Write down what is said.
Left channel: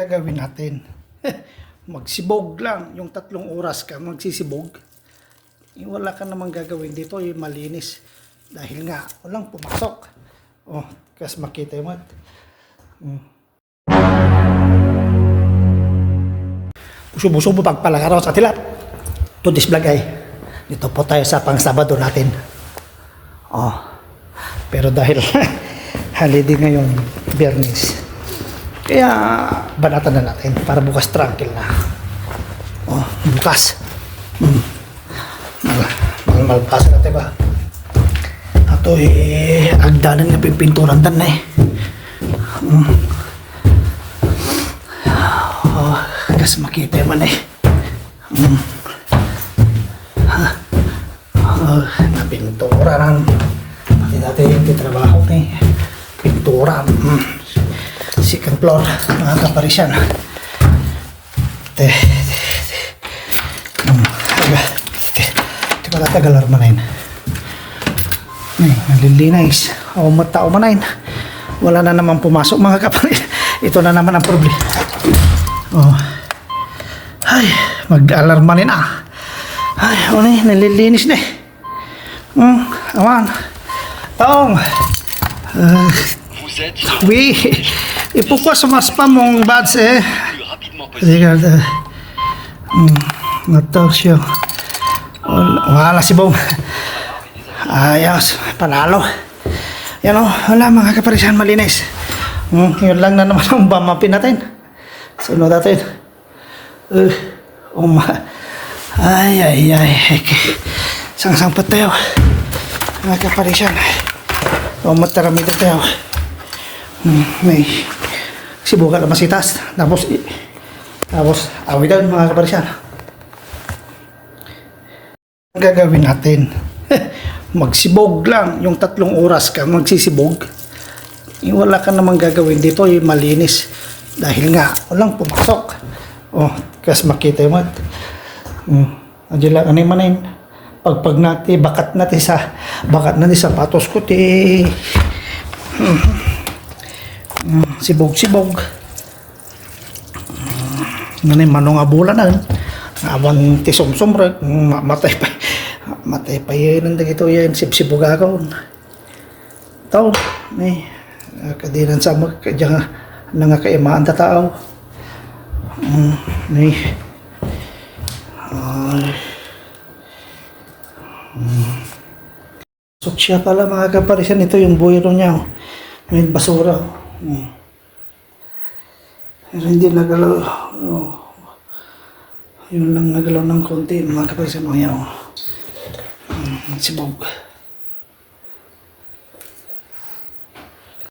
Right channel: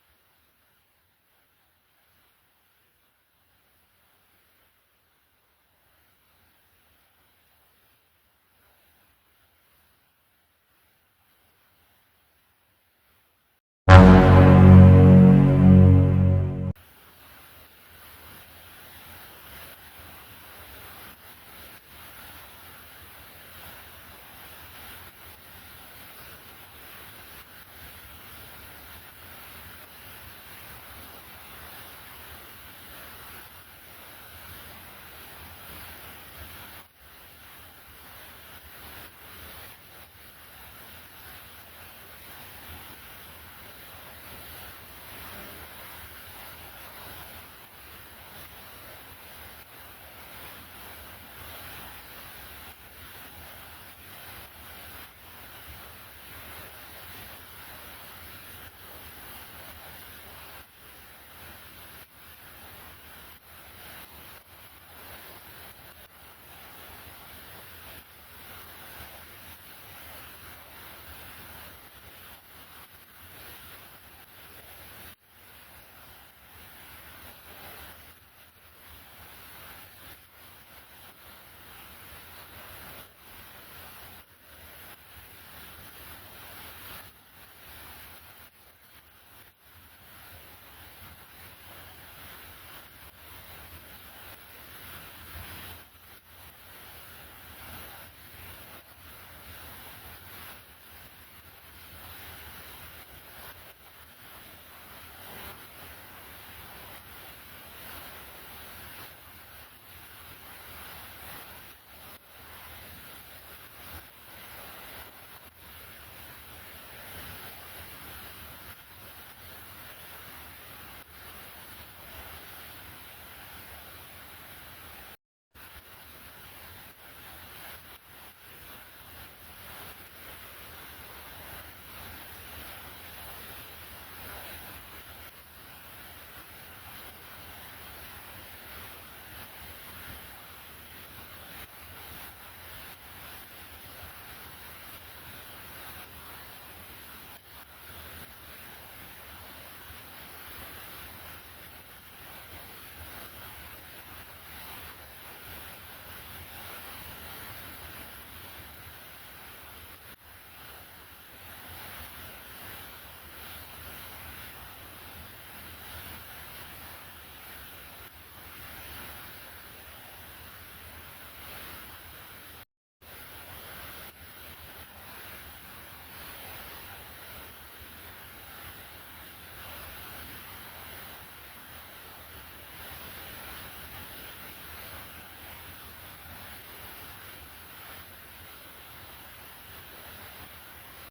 Gagawin natin. Magsibog lang. Yung 3 oras ka magsisibog. Wala ka namang gagawin dito. Malinis. Dahil nga, walang pumasok. Oh, kasi makita mo. Buso-buso po pagpalagaraw sa tilat. To this vlog ay, dito po tayo sa pang-Sabado natin. Oh, pero dahil holiday ngayong Biyernes, kaya banatan na natin para bukas tranquil na. Oh, bukas. Malpasan natin ba? Ato agdanan nga pipinturan dan na Oh, kasi makita man napintura lang. Pati dati yung titrabaho pintura. Second floor, mga kaparisyan. Di ko natagal armanayin. Nalilinis. Tao manayin. Wala na naman pumasok, mga kaparisyan. Ito na naman ang problema. Oh. Ay, mag-alarma rin Ay, nalilinis na awan. Taong. Oui. Et pourquoi ça marche pas mon badge Regarde. Attention. Wala si Bong. Ayos. Panalo. Yan wala mga kaparisyan, malinis. Yun lang na naman ang bamapin natin. Sunod natin. Ay. Sang-sang pa tayo. Mga kaparisyan. Matarami na tayo. May sibukan na masitas. Tapos awitan mga kaparisyan. Ang gagawin natin. Magsibog lang. Yung 3 oras ka magsisibog. Wala ka namang gagawin dito. Malinis. Dahil nga walang pumasok. Oh, kasi makita mo. Adila ano yung manayin. Pag natin, bakat natin sapatos ko sibog. Manong abulan na. Awan tisomsom rek. Matay pa yun. Ito yan. Sibsibog ako. Ito. Kadinan sa magkadya nga kaimaan tatao. Siya pala mga kaparisyan. Ito yung buhiro niya. May basura. Pero hindi nagalaw. Yun lang nagalaw ng konti mga kaparisyan. Sibog.